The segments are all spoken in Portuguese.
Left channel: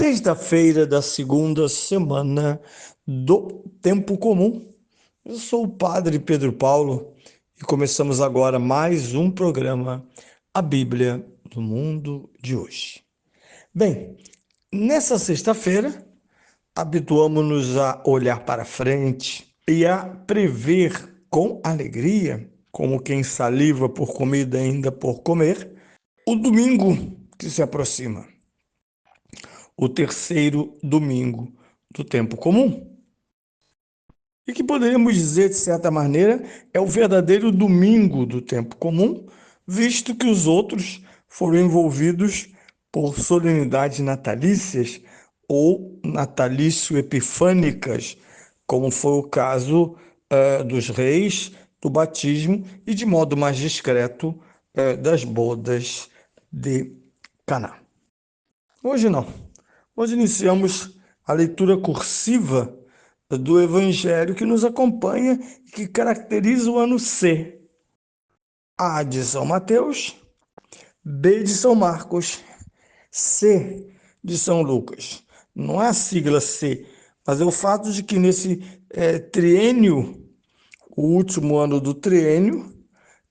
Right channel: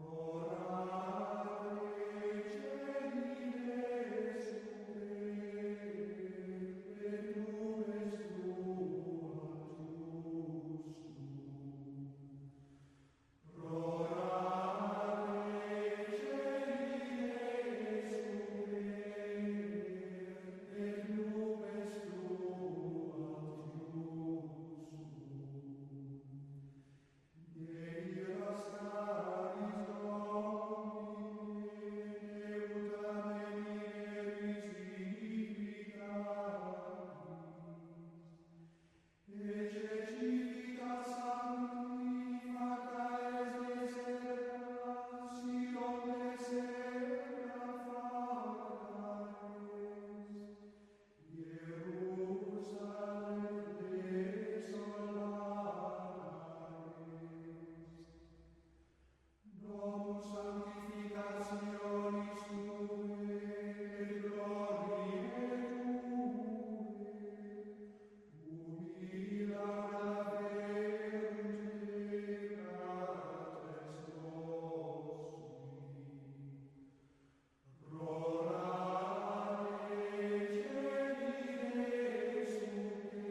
Sexta-feira da segunda semana do Tempo Comum. Eu sou o Padre Pedro Paulo e começamos agora mais um programa, A Bíblia do Mundo de hoje. Bem, nessa sexta-feira, habituamos-nos a olhar para frente e a prever com alegria, como quem saliva por comida ainda por comer, o domingo que se aproxima. O terceiro domingo do tempo comum. E que poderíamos dizer, de certa maneira, é o verdadeiro domingo do tempo comum, visto que os outros foram envolvidos por solenidades natalícias ou natalício-epifânicas, como foi o caso dos reis, do batismo e, de modo mais discreto, das bodas de Caná. Hoje não. Hoje iniciamos a leitura cursiva do Evangelho que nos acompanha e que caracteriza o ano C. A de São Mateus, B de São Marcos, C de São Lucas. Não é a sigla C, mas é o fato de que nesse triênio, o último ano do triênio,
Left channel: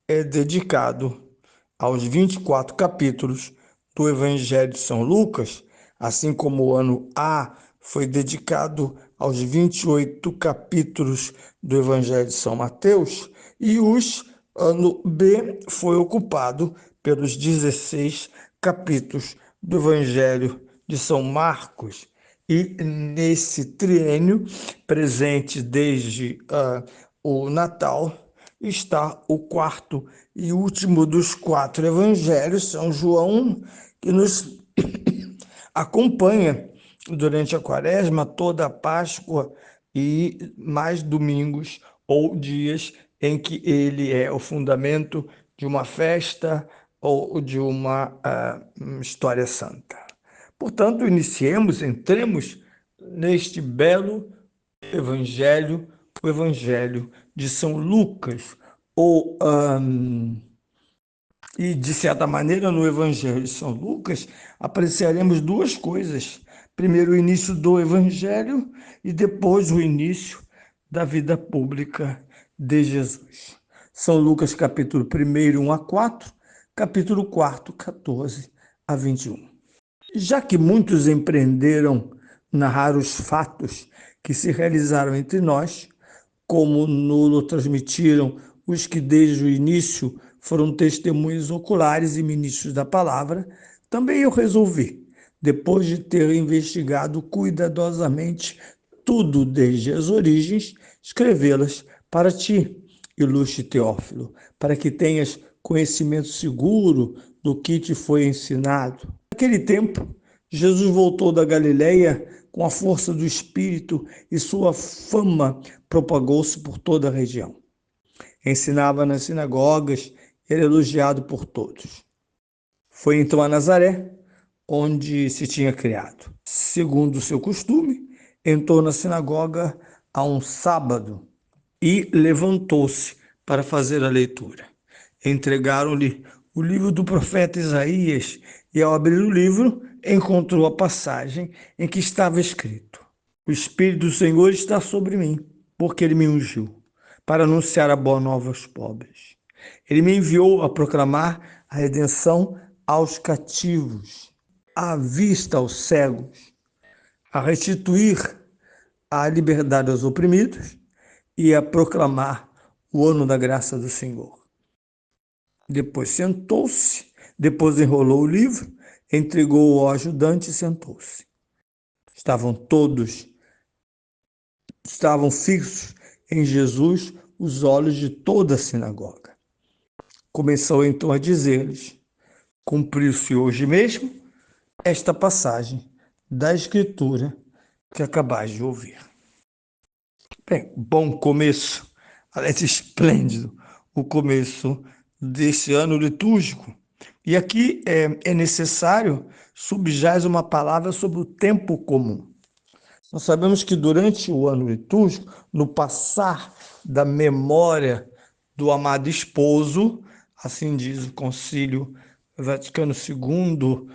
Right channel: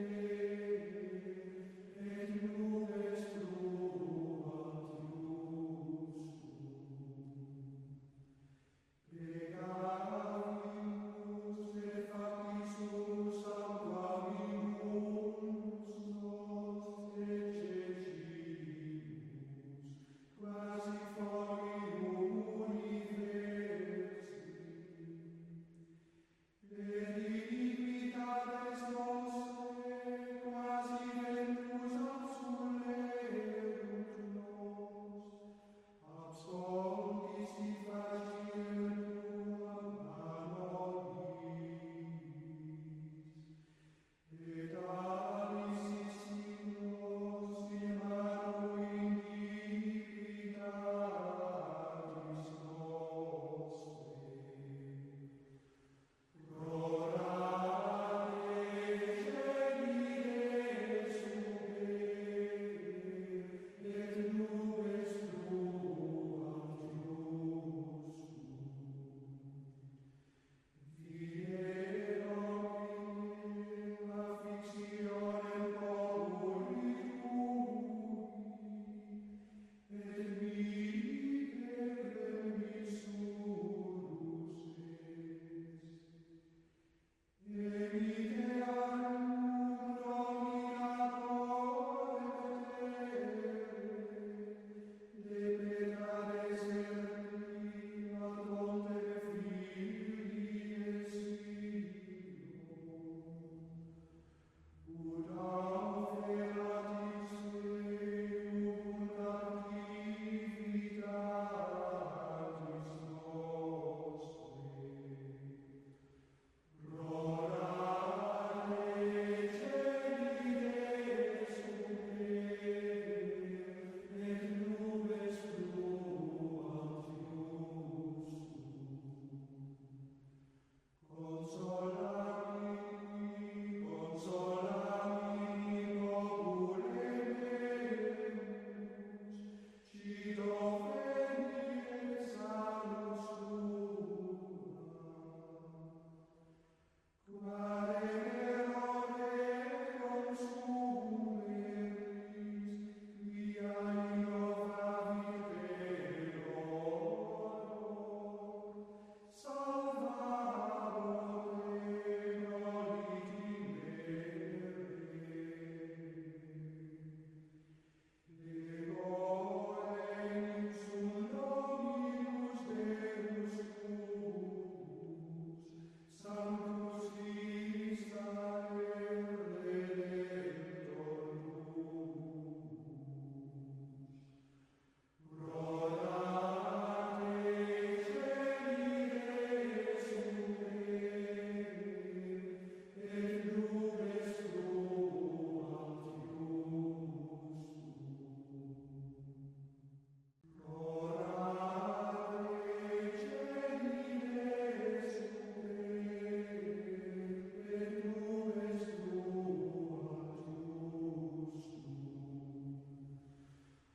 é dedicado aos 24 capítulos do Evangelho de São Lucas, assim como o ano A foi dedicado aos 28 capítulos do Evangelho de São Mateus, e o ano B foi ocupado pelos 16 capítulos do Evangelho de São Marcos. E nesse triênio, presente desde o Natal, está o quarto e último dos 4 evangelhos, São João, que nos acompanha durante a quaresma, toda a Páscoa e mais domingos ou dias em que ele é o fundamento de uma festa ou de uma história santa. Portanto, entremos neste belo evangelho, o evangelho de São Lucas, e de certa maneira no evangelho de São Lucas apreciaremos duas coisas: primeiro o início do evangelho e depois o início da vida pública de Jesus. São Lucas capítulo 1, 1 a 4, capítulo 4, 14 a 21. Já que muitos empreenderam narrar os fatos que se realizaram entre nós, como nos transmitiram os que desde o início foram testemunhas oculares e ministros da palavra, também eu resolvi, depois de ter investigado cuidadosamente tudo desde as origens, escrevê-las para ti, ilustre Teófilo, para que tenhas conhecimento seguro do que te foi ensinado. Naquele tempo, Jesus voltou da Galileia com a força do Espírito e sua fama propagou-se por toda a região. Ensinava nas sinagogas, era elogiado por todos. Foi então a Nazaré, onde se tinha criado. Segundo o seu costume, entrou na sinagoga a um sábado e levantou-se para fazer a leitura. Entregaram-lhe o livro do profeta Isaías e, ao abrir o livro, encontrou a passagem em que estava escrito: O Espírito do Senhor está sobre mim, porque ele me ungiu para anunciar a boa nova aos pobres. Ele me enviou a proclamar a redenção aos cativos, a vista aos cegos, a restituir a liberdade aos oprimidos e a proclamar o ano da graça do Senhor. Depois sentou-se, depois enrolou o livro, entregou-o ao ajudante e sentou-se. Estavam fixos em Jesus os olhos de toda a sinagoga. Começou então a dizer-lhes: cumpriu-se hoje mesmo esta passagem da Escritura que acabais de ouvir. Bem, bom começo, parece esplêndido o começo desse ano litúrgico. E aqui é necessário subjaz uma palavra sobre o tempo comum. Nós sabemos que durante o ano litúrgico, no passar da memória do amado esposo, assim diz o Concílio Vaticano II,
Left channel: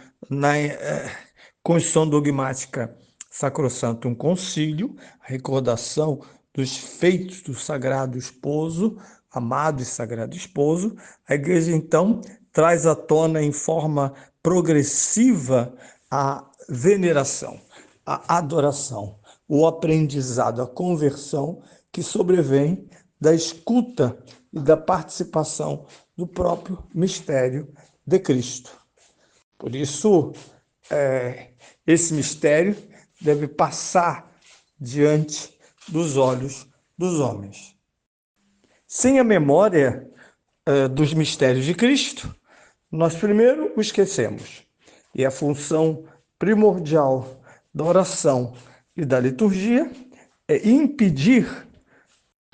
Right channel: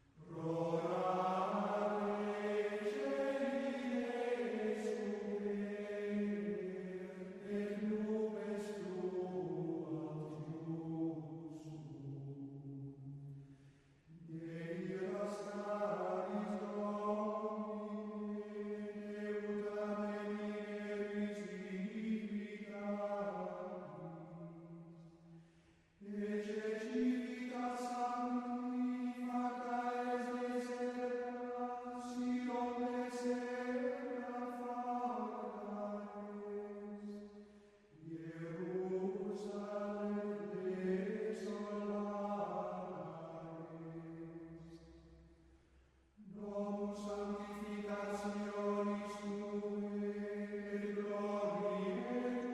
Constituição dogmática Sacrosantum Concílio, a recordação dos feitos do Sagrado Esposo, amado e Sagrado Esposo. A Igreja, então, traz à tona em forma progressiva a veneração, a adoração, o aprendizado, a conversão que sobrevém da escuta e da participação do próprio mistério de Cristo. Por isso, esse mistério deve passar diante dos olhos dos homens. Sem a memória dos mistérios de Cristo, nós primeiro o esquecemos. E a função primordial da oração e da liturgia é impedir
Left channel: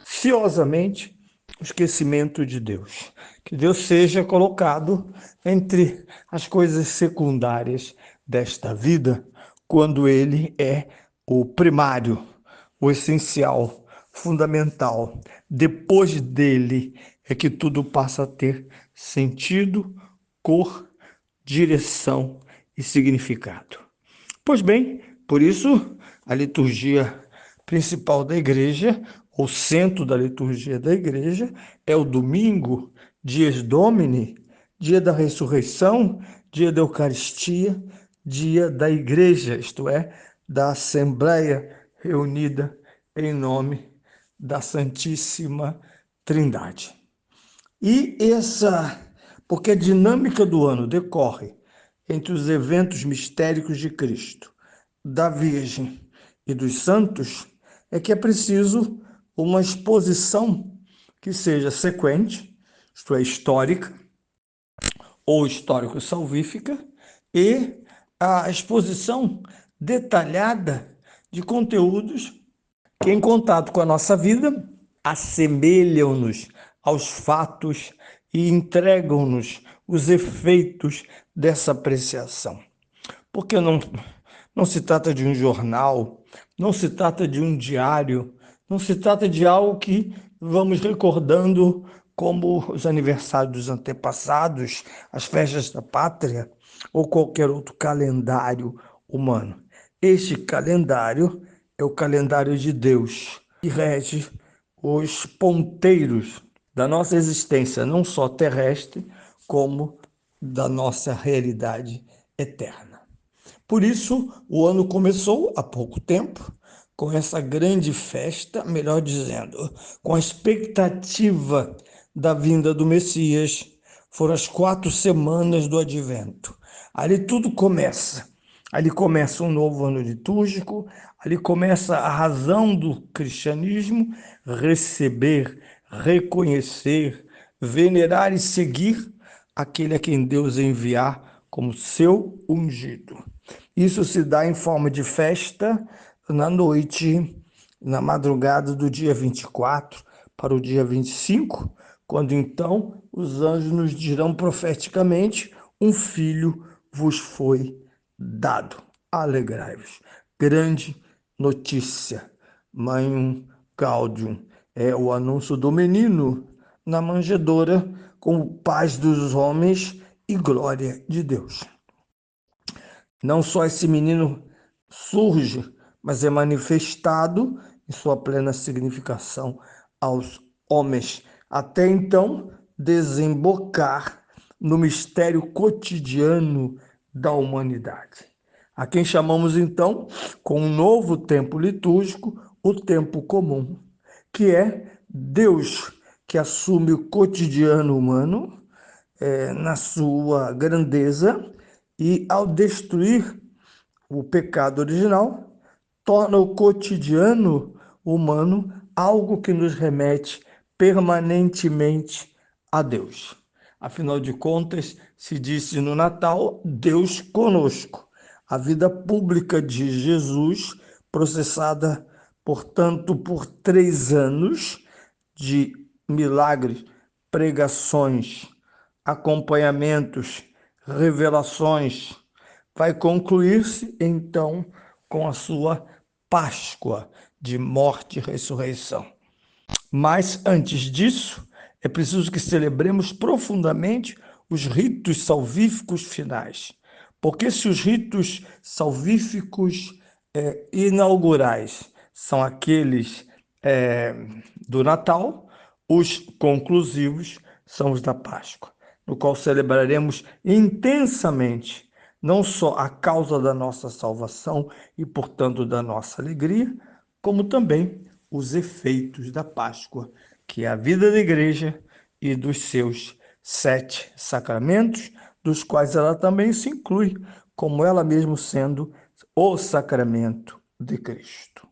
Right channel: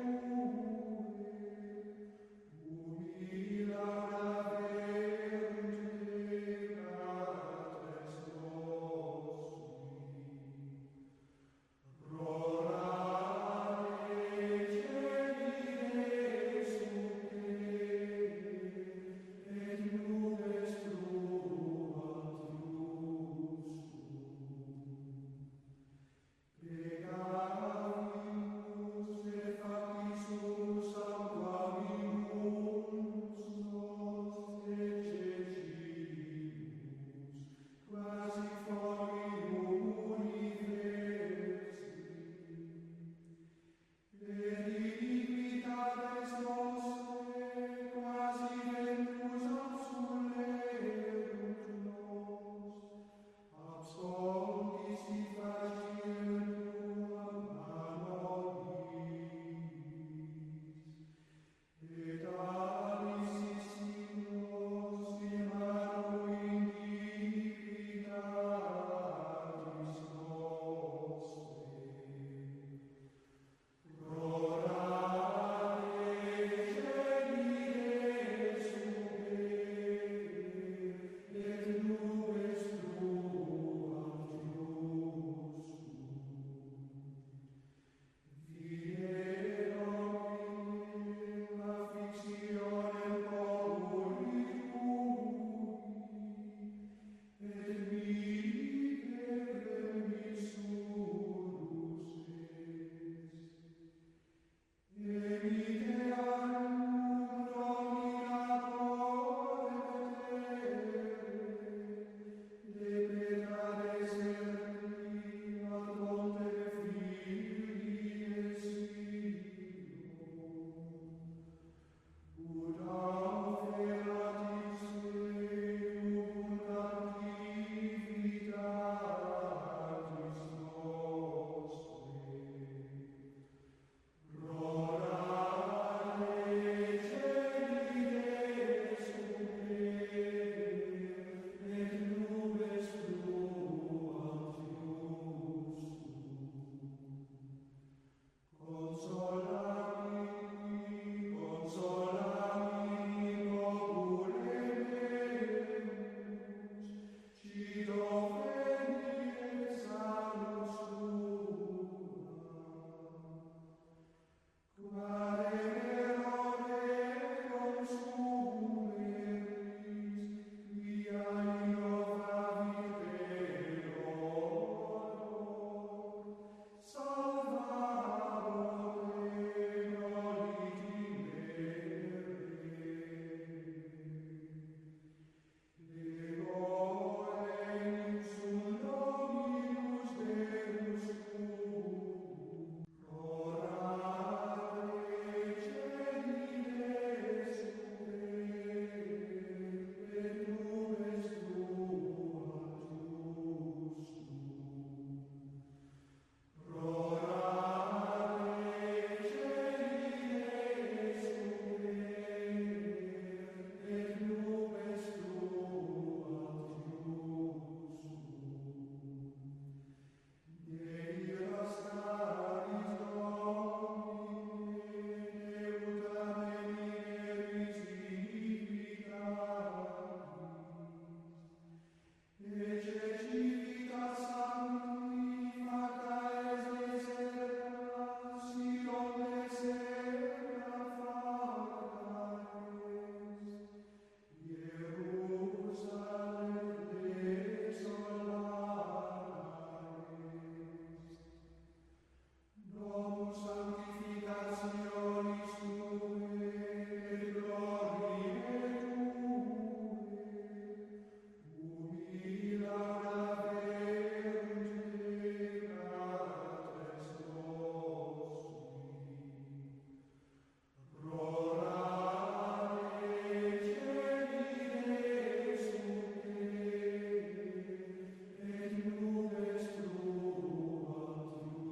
ciosamente o esquecimento de Deus. Que Deus seja colocado entre as coisas secundárias desta vida, quando Ele é o primário, o essencial, fundamental. Depois dele é que tudo passa a ter sentido, cor, direção e significado. Pois bem, por isso a liturgia principal da igreja, o centro da liturgia da igreja, é o domingo, dies Domini, dia da ressurreição, dia da Eucaristia, dia da igreja, isto é, da Assembleia reunida em nome da Santíssima Trindade. Porque a dinâmica do ano decorre entre os eventos mistéricos de Cristo, da Virgem e dos santos, é que é preciso uma exposição que seja sequente, isto é, histórica ou histórico-salvífica, e a exposição detalhada de conteúdos que, em contato com a nossa vida, assemelham-nos aos fatos e entregam-nos os efeitos dessa apreciação. Porque não se trata de um jornal, não se trata de um diário, não se trata de algo que vamos recordando como os aniversários dos antepassados, as festas da pátria ou qualquer outro calendário humano. Este calendário é o calendário de Deus, que rege os ponteiros da nossa existência, não só terrestre, como da nossa realidade eterna. Por isso, o ano começou há pouco tempo, com essa grande festa, melhor dizendo, com a expectativa da vinda do Messias. Foram as 4 semanas do Advento. Ali tudo começa. Ali começa um novo ano litúrgico, ali começa a razão do cristianismo: receber, reconhecer, venerar e seguir aquele a quem Deus enviar como seu ungido. Isso se dá em forma de festa na noite, na madrugada do dia 24 para o dia 25, quando então os anjos nos dirão profeticamente: um filho vos foi dado. Alegrai-vos. Grande notícia. Mãe Gaudium é o anúncio do menino na manjedoura, como paz dos homens e glória de Deus. Não só esse menino surge, mas é manifestado em sua plena significação aos homens, até então desembocar no mistério cotidiano da humanidade, a quem chamamos então, com um novo tempo litúrgico, o tempo comum, que é Deus que assume o cotidiano humano na sua grandeza e, ao destruir o pecado original, torna o cotidiano humano algo que nos remete permanentemente a Deus. Afinal de contas, se disse no Natal: Deus conosco. A vida pública de Jesus, processada, portanto, por 3 anos de milagres, pregações, acompanhamentos, revelações, vai concluir-se então com a sua Páscoa de morte e ressurreição. Mas antes disso, é preciso que celebremos profundamente os ritos salvíficos finais, Porque se os ritos salvíficos inaugurais são aqueles eh, do Natal, os conclusivos são os da Páscoa, no qual celebraremos intensamente não só a causa da nossa salvação e, portanto, da nossa alegria, como também os efeitos da Páscoa, que é a vida da igreja e dos seus 7 sacramentos, dos quais ela também se inclui, como ela mesmo sendo o sacramento de Cristo.